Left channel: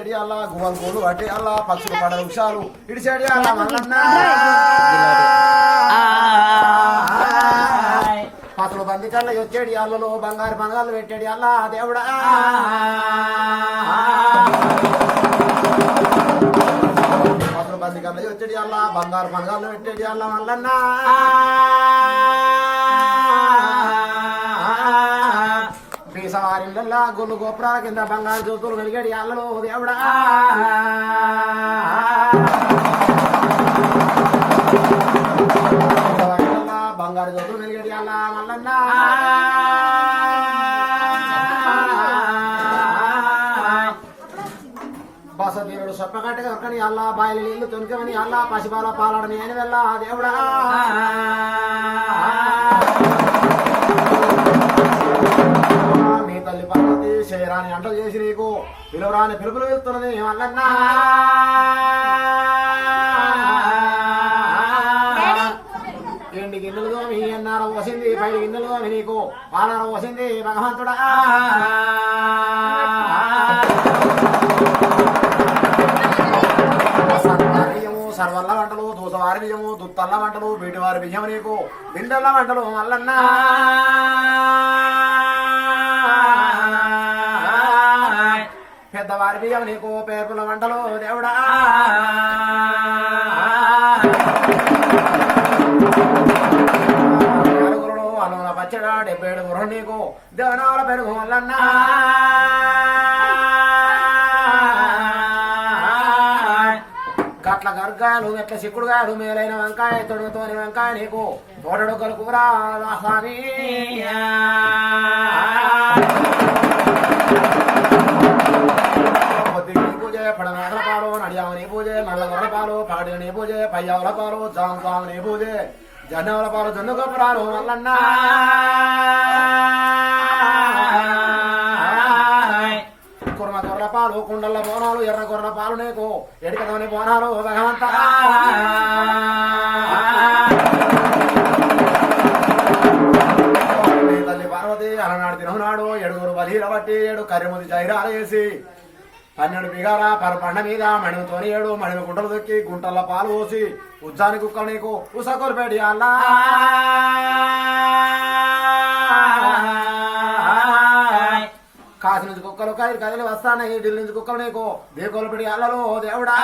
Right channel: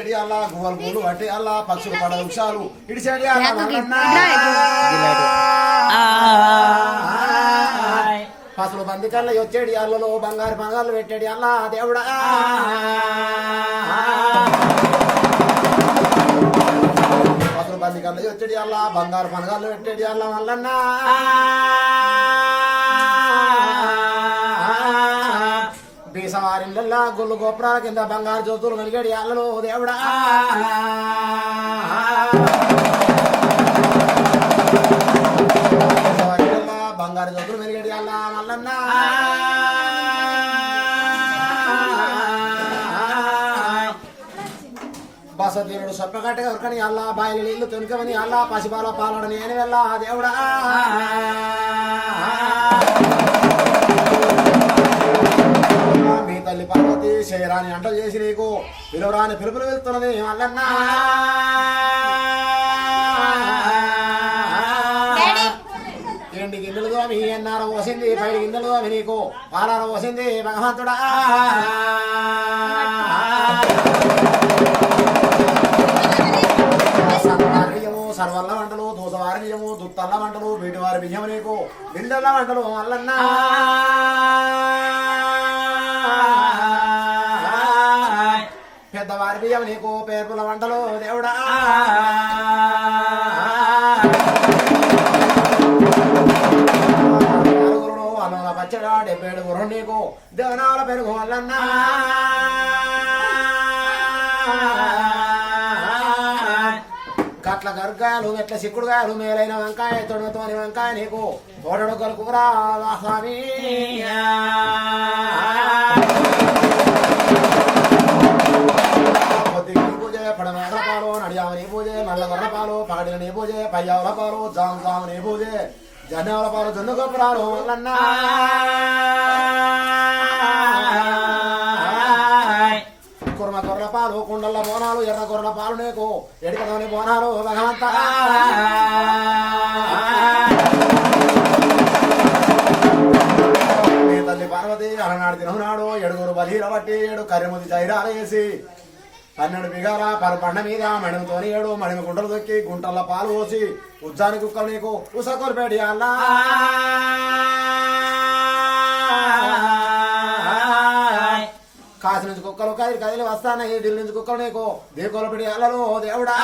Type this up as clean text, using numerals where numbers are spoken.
చెడి అల్లా గువ్వలు పూలు పట్టి అల్లా పక్షులు పడ వృక్షాలు ఇటు చెడి అల్లా పసులు బంది కళ్ళ వచ్చేడి అల్లలో బంగారు బంగారు పెట్టాడు అల్లా దేవుడా పసులు బంది కళ్ళ వచ్చేడి అల్లా బంగారు బంగారు పెట్టాడు అల్లా మల్లన్నా బీసవారిళ్ళల్లా గొల్లు గోపురాల కింద బంగారు జ్యోతులు వెలిగాడు అల్లలో దేవుడా బంగారు జ్యోతులు వెలిగాడు అల్లా మల్లన్నా బసదీనుడు సొప్పగట్టగా ఉరకని అల్లా బాయిలు నీళ్లు తొనికమని అల్లా పసిబాల పాలడు నేను వెళ్ళా దేవుడా మీ తల్లి పార్వతి శరీరాన్ని అంట చేసి నీకు పిలువరాని పిలుపులు వెళ్తున్నది మల్లన్నా ఎండి గిన్నెలుగా మీ అన్నార పోసింది పైడి గిన్నెలుగా మీ నీకు పాలార పోసింది భగవంతుడా సర్వల్ల వంటలు దూసవారి బియ్యము దుత్తల్ల వంటలు వీటివారి బియ్యం నీకు బిందెల్ల వంటలు మల్లన్నా పెద్దవారి బియ్యం నీకు పేర్పుల వంటలు దేవుడా అలోన పచ్చడా 77 గుర్రం నీకు జనాల పెరుగు మల్లన్నా కట్ల గర్గాలు ఎట్ల సిక్కుడుగాలు మేలైన వంకాయ తొడుగుతోని వంకాయ నీకు తోడొక్కలు కూర స్వామి పూజ పడనాగల పాలు నడియావని పూజ నల్ల గొర్ర పాలు పగడిని పూజ పయ్యావుల పాలు జాముని పూజ జనవల పాలు జొన్న గొప్పరాలు మల్లన్నా కుర్మ కొర్ర పాలు కుండల బోనాలు ఎర్ర కొర్ర పాలు నీకు ఎడికలోని బోనాలు భగవంత మీ తల్లి పార్వతి అలనాడు తిననాడు 7 బలీల బట్టి 7 కర్రెముది జైరాలు వేసి 12 బిగాల పండ మీద మణితోని 7 మణిని గుంటలు దొక్కి గుంటల పాలు పోసి ఉజ్జాని కుక్కలు నీకు ఉసకొలిపేడి అల్లా కాశీ నుంచి కుక్కలు కదిలి వస్తాయి ఢిల్లీ నుంచి కుక్కలు నీకు దీకొలపిడి అల్లలో దేవుడా